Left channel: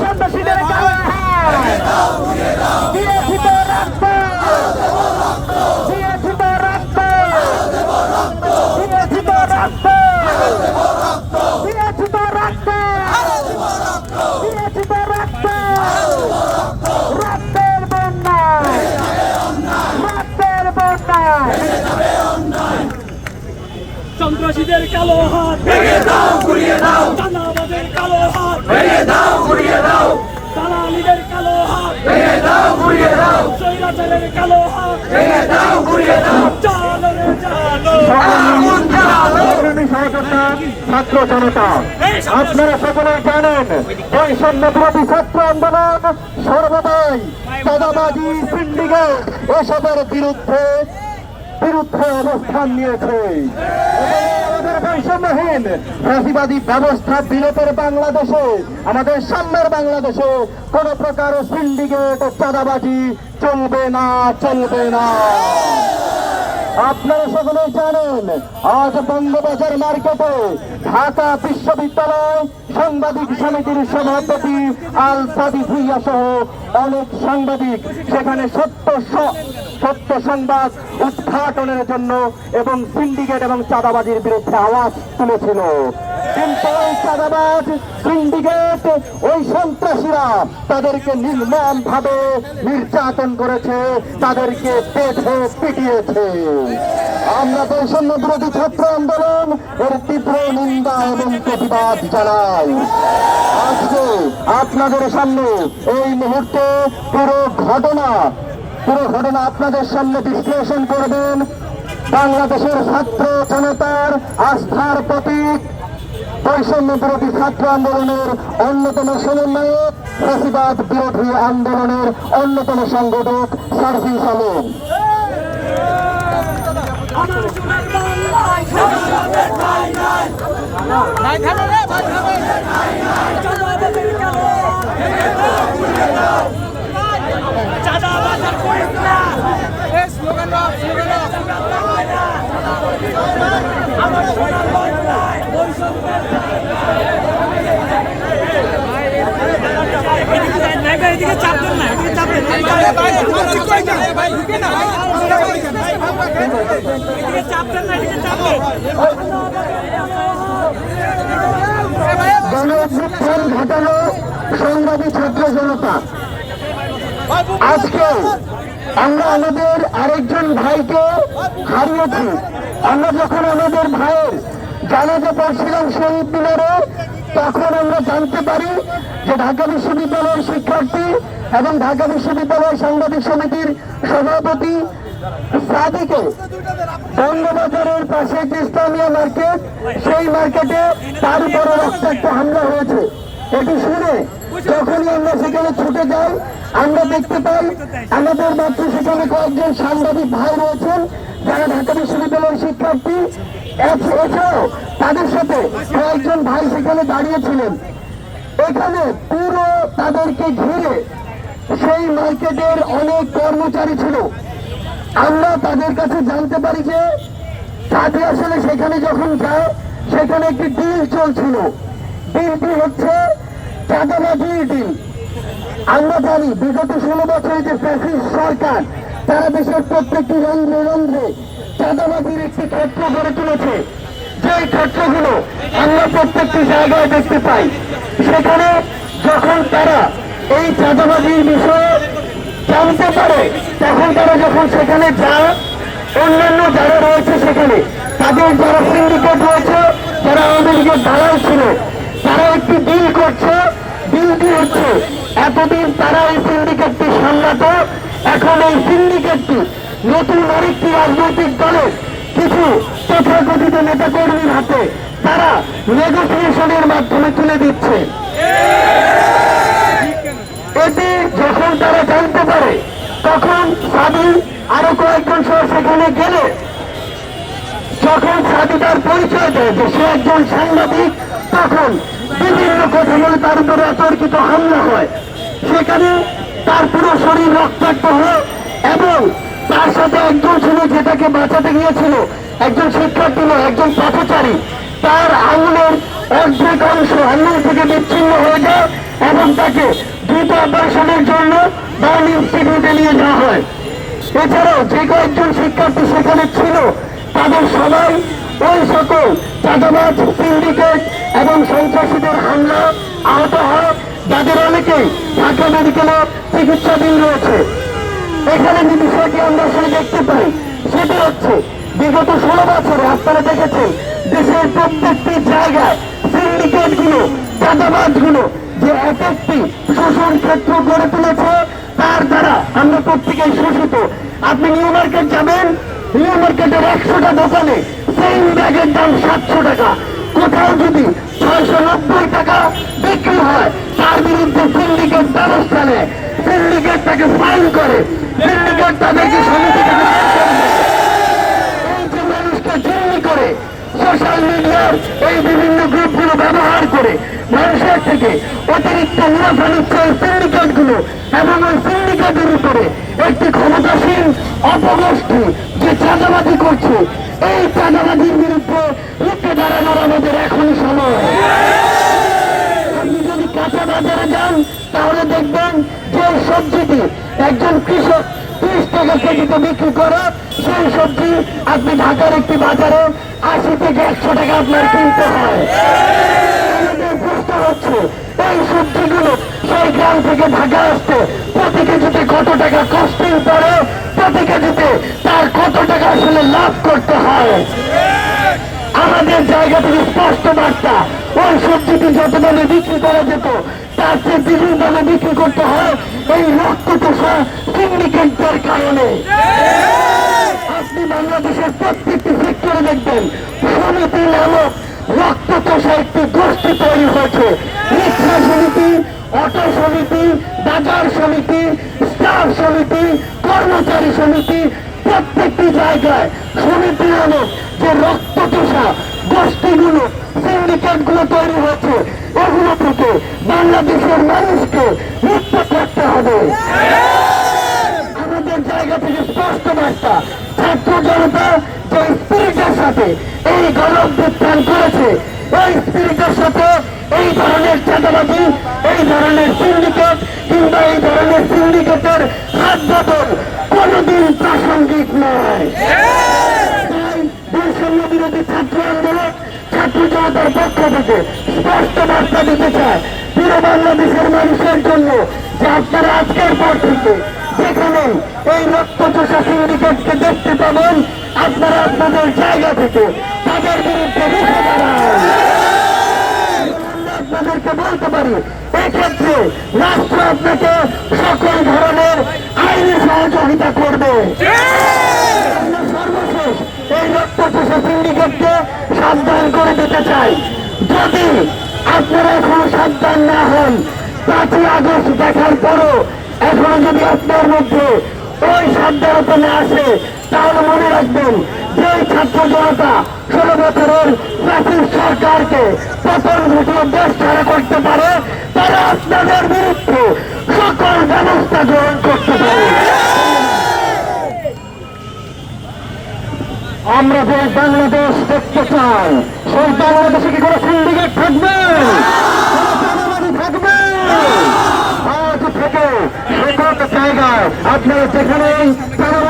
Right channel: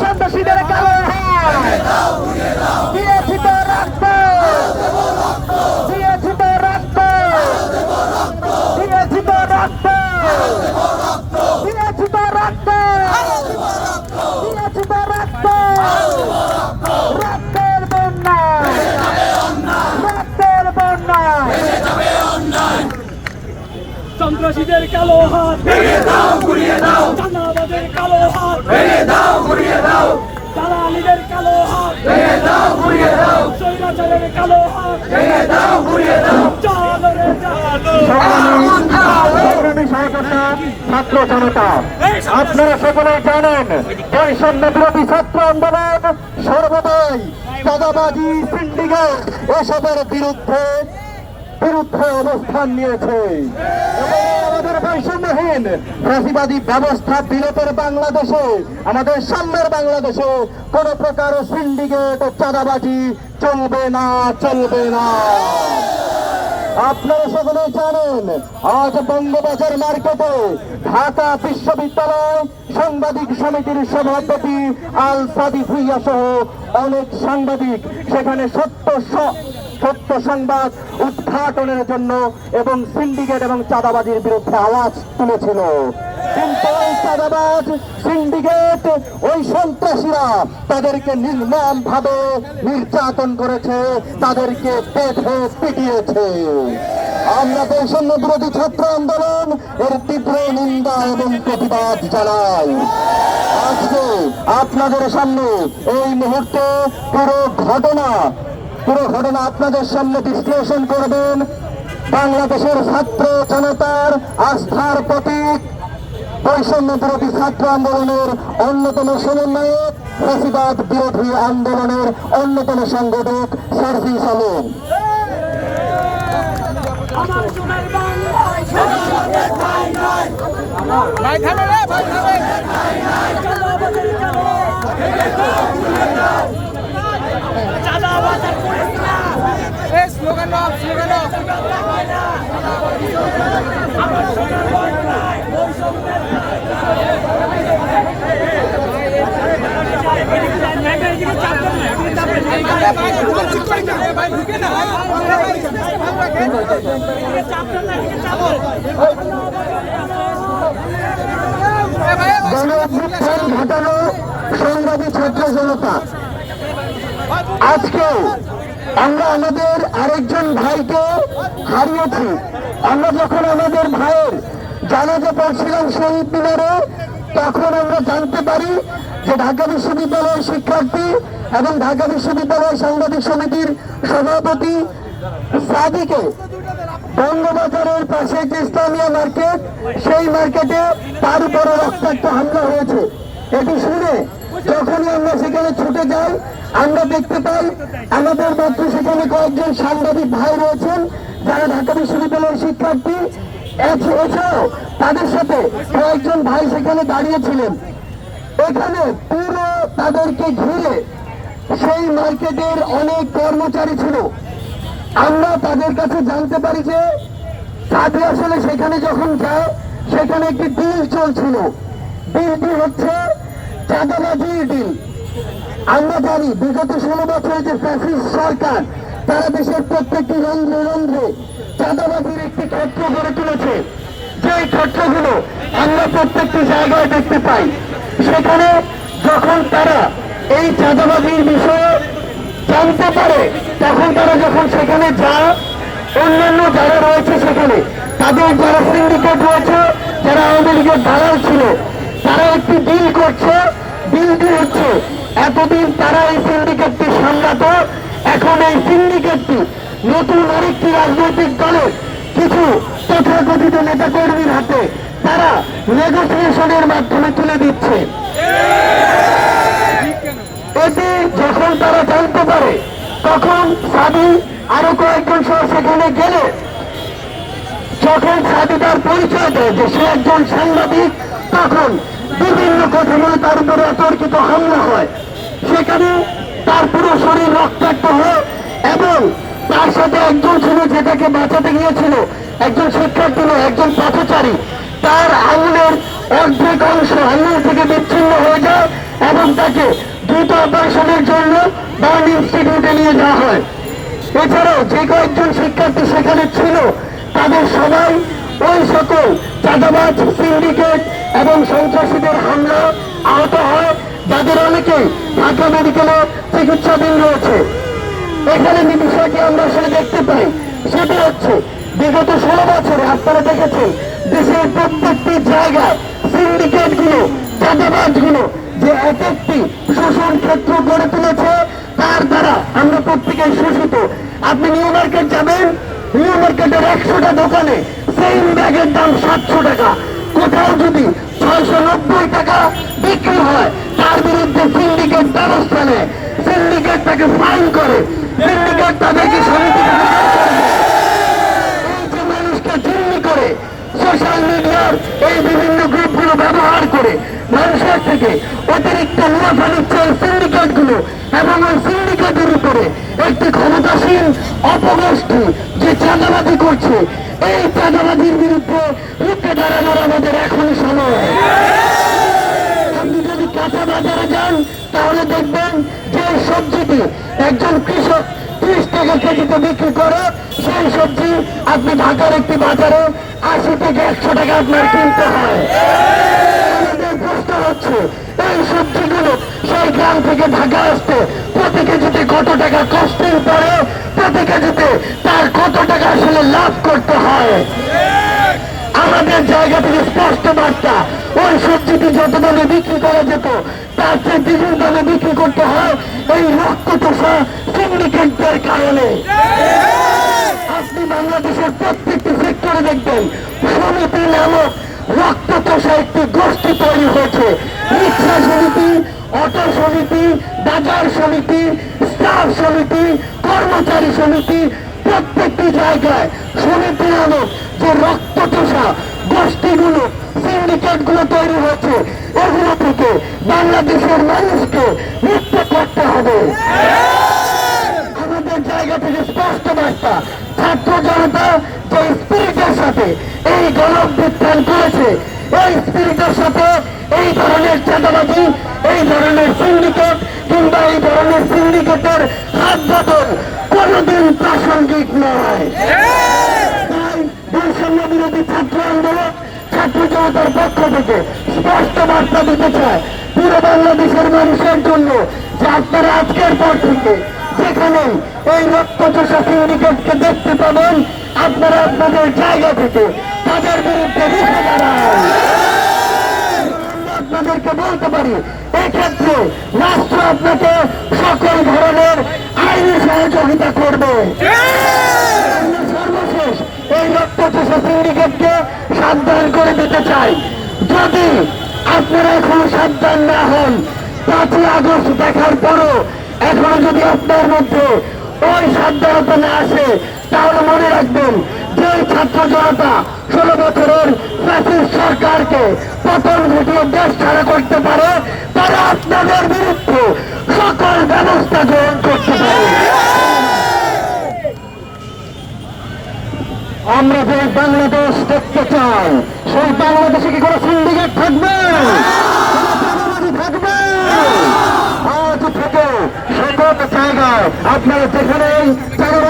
সন্ত্রাসীদের কালো সন্ত্রাসীদের কালো হাত। ভেঙে দাও ঘুরিয়ে দাও। দানাবাজের কালো হাত। ভেঙে দাও ঘুরিয়ে দাও। দালালিদের কালো হাত। ভেঙে দাও ঘুরিয়ে দাও। স্বৈরাচারের কালো হাত। ভেঙে দাও ঘুরিয়ে দাও। চলো রে ছাত্র জনতা আপনারা সকলে জানেন বৈষম্য বিরোধী ছাত্র আন্দোলন সর্বদাই চাঁদাবাজি সিন্ডিকেট এসবের বিরুদ্ধে বিরুদ্ধে অবস্থান নিয়েছে। আমাদের বৈষম্যহীন ফ্যাসিবাদী ব্যবস্থা বিরতের বাংলাদেশে, আমাদের সামনের বাংলাদেশে কোন প্রকার সিন্ডিকেট চাঁদাবাজি চলবে না চলবে না। আপনারা সকলে জানেন, আজ বঙ্গবাজার মার্কেটে ঢাকা বিশ্ববিদ্যালয় সাংবাদিক সমিতির সভাপতি আল সাদি ভুইয়া সহ অনেক সাংবাদিক, সেখানে সত্য সত্য সংবাদ উদ্ঘাটনের জন্য এবং সিন্ডিকেট এবং চাঁদাবাজির বিরুদ্ধে আওয়াজ তুলেছিল। সিন্ডিকেট ওই সন্ত্রাসীরা তাদেরকে নির্মম ভাবে নির্যাতন করেছে, তাদেরকে পেটে পিটিয়েছে। আমরা বৈষম্য বিরোধী ছাত্র আন্দোলন, এর তীব্র নিন্দা এবং প্রতিবাদ জানাই। আজকে আপনাদের সামনে এই মুহূর্তে পুরো ঘটনা পুরো ঘটনা আপনাদের সামনে বিশ্লেষণ করবেন বাংলাদেশের ছাত্র জনতার আস্থার প্রতীক বৈষম্য বিরোধী ছাত্র আন্দোলনের অন্যতম সমন্বয়ক প্রতিবাদ বিরোধী আন্দোলনের অন্যতম সংগঠক সার্ভিস আলম আমার সোনার বাংলায় নাই হাত ভেঙে দাও ঘুরিয়ে দাও চাঁদাবাজার কয়েক না। আমরা থাকবে আমার সোনার বৈষম্যের ঘটানো সংগ্রামী ছাত্র জনতা। আজকে আমরা আমাদের আরেকজন ভাইকে হারিয়েছি। আমরা যখন আমাদের ভাইয়ের জানাজা করছিলাম শহীদ মিনারে, তখন আমরা জানতে পারি যে ঢাকা বিশ্ববিদ্যালয়ের শিক্ষার্থী এবং ঢাকা বিশ্ববিদ্যালয় সাংবাদিক সমিতির সভাপতি সাদিকে বঙ্গবাজারের পাশে যে ইসলামিয়া মার্কেট, সেই মার্কেটে তার উপরে রক্তাক্ত হামলা হয়েছে। এটি শুনে যখনই আমরা সেখানে ছুটে যাই, আমরা দেখতে পাই আমাদের মাত্র সেখানে কয়েকজন সাংবাদিক ভাই রয়েছেন যারা ঢাকা বিশ্ববিদ্যালয়ের শিক্ষার্থী। এছাড়াও তাদের সাথে কয়েকজন ভাই সেখানে দাঁড়িয়েছিলেন এখানে পুরো তাদেরকে ঘিরে সেই মার্কেটের অনেক কর্মচারী ছিল। আমরা তাদের কাছে জানতে পারি যে তাতে আসলে সেখানে যখন যায়, সেখানে একটি ডিল চলছিল। ডিলটি হচ্ছে চাঁদাবাজির ডিল আমরা জানি বিগত ষোলো বছরে যে ফ্যাসিস্ট সরকার তারা দেশের প্রত্যেকটি রন্ধ্রে রন্ধ্রে চাঁদাবাজির একটি ক্ষেত্র গড়ে তুলেছে যে ক্ষেত্রগুলো আমরা প্রত্যেকটি জায়গায় দেখতে পাই সেখানে যখন তারা এই চাঁদাবাজির বিষয়ে জানতে পারে তখন তারা যখন সেখানে যায় অন্যান্য যারা রয়েছে সেখানে তাদের যারা সিন্ডিকেট রয়েছে, যারা আওয়ামী লীগের ছিল তারা একটি বিল করছে হচ্ছে এতদিন তারা এই সিন্ডিকেটটি সামলাতো, এখন এই সিন্ডিকেটটি নতুন আরেকটি রাজনৈতিক দলের কিছু তথাকথিত নেতা কর্মীর হাতে তারা নেগোসিয়েশনের মাধ্যমে তুলে দিচ্ছে। এতে যখন তারা জানতে পারে, তখন সাধু আরও কয়েকজন সহ সেখানে গেলে, যখন সাধু তার পরিচয় দেয় যে সে একজন সাংবাদিক তখন বিভিন্ন কথা বলে তার উপরে অতর্কিত হামলা হয়। সেখানে তার পুরো শরীর রক্তাক্ত হয় এবং তার সাথে একজন ছিল যেটাকে বাঁচাতে গিয়েছিল। একজন শিক্ষার্থী নয়, একজন পথচারী। তার আঙুলের অর্ধেক অংশ আঙুল থেকে বিচ্ছিন্ন হয়ে যায় এবং তাকে দ্রুত অপারেশনের জন্য বার্ন ইনস্টিটিউটে নিয়ে যাওয়া হয়। এছাড়াও যে কয়েকজন শিক্ষার্থী সেখানে ছিল, তাদের সবাই ওই সকল চাঁদাবাজ সিন্ডিকেট এবং সন্ত্রাসীদের হামলা আহত হয় যাদের অনেকেই ঢাকা মেডিকেলে চিকিৎসাধীন রয়েছে। এখানে যে বিষয়টি আমরা আসলে দেখতে পাই। সেটা হচ্ছে বিগত ষোলো বছরে আপনারা দেখেছেন দেশের প্রত্যেকটি জায়গায় সিন্ডিকেটগুলো যে এক একটি শোষণ ক্ষেত্র গড়ে তুলেছে, তার দ্বারা আমরা প্রত্যেকে শোষিত। আপনি নিউ মার্কেট যাবেন, নিউ মার্কেটের একশোটা দোকানে সেই ব্যাগের দাম সাতশো টাকা। কোথাও যদি ছয়শো নব্বই টাকা বিক্রি হয়, তার বিরুদ্ধে সিন্ডিকেট ব্যবস্থা নেয়। সিন্ডিকেট তাকে ফাইন করে। সিন্ডিকেট তাদেরকে ব্যবহার করে, মানুষের থেকে অতিরিক্ত সিন্ডিকেটের উপরে একটি ক্ষমতাসীন যে করছে, এই চাঁদাবাজির বিরুদ্ধে কেজিতে বিক্রি করে সেই সবজি আপনি আশি থেকে একশো টাকা আপনার কিনতে হয় হচ্ছে এই সবজিগুলো সেই গ্রাম থেকে ঢাকা আসতে প্রতি কেজিতে কত টাকা কষ্টের পরে প্রতি কেজিতে তার কত টাকা আসলে লাভ করতে জায়গা স্পষ্ট বার্তা ওই সবজিটি যত দামে বিক্রি করা যেত, তার চেয়ে দ্বিগুণ দামে বিক্রি করতে হয় এই রক্ত চোষা সিন্ডিকেটদের কারণে। আপনি বাংলাদেশের প্রত্যেকটি সেক্টরে দেখবেন সমিতি নামক রক্ত চোষা একটি গোষ্ঠী তৈরি হয়েছে। রিক্সা সমিতি, অটো সমিতি, বাজার সমিতি, স্টাফ সমিতি, কর্মচারী সমিতি, প্রত্যেকটি জায়গায় সমিতি নামক যে রক্ত চোষা গোষ্ঠীগুলো সিন্ডিকেটগুলো তৈরি হয়েছে। এগুলো থেকে বাংলাদেশের মানুষকে মুক্ত করতে হবে। আমাদের জায়গা থেকে স্পষ্ট বার্তা, ছাত্র জনতা যে স্পিরিটের সাথে এই গণঅভ্যুত্থান করেছে, এই স্পিরিটের সাথে এই ধরনের চাঁদাবাজি, এই ধরনের সিন্ডিকেট কিংবা এই ধরনের সিন্ডিকেটের হাত বদল কোনোদিন প্রাসঙ্গিক নয়। বৈষম্য বিরোধী ছাত্র আন্দোলন ছাত্র জনতার পক্ষ থেকে স্পষ্ট বার্তা দিতে চায়। পুরো বাংলাদেশের মানুষের জন্য যে আপনারা আজকের পর থেকে যেখানে এই রক্তচোষা সিন্ডিকেটকে দেখতে পাবেন, আপনারা আপনাদের জায়গা থেকে তাদের বিরুদ্ধে রুখে দাঁড়ান আপনাদেরকে বলতে পারি, এক্ষেত্রে রাষ্ট্র আপনাকে সকল ধরনের আইনি সহযোগিতা করবে। রক্তচোষা সিন্ডিকেটকে সাবধান করে দিতে চাই। যদি আপনারা এখনও সাবধান না হন, পাঁচই আগস্ট দেখার পরও এখনও যদি আপনার মধ্যে ওই সাবধানতা না আসে, তাহলে মনে রাখবেন যে ছাত্র জনতা ষোলো বছরের প্রাচীন সরকারকে পতন ঘটিয়ে দেশ ছাড়া করতে পারে, তারা আপনাদের বিরুদ্ধে সকল ব্যবস্থা গ্রহণ করতে পারে। আমরা যে বাংলাদেশ দেখতে চাই, সেই বাংলাদেশে কি কোনো সিন্ডিকেট থাকবে? থাকবে? আজ থেকে সকল জায়গায় আপনারা চাঁদাবাজি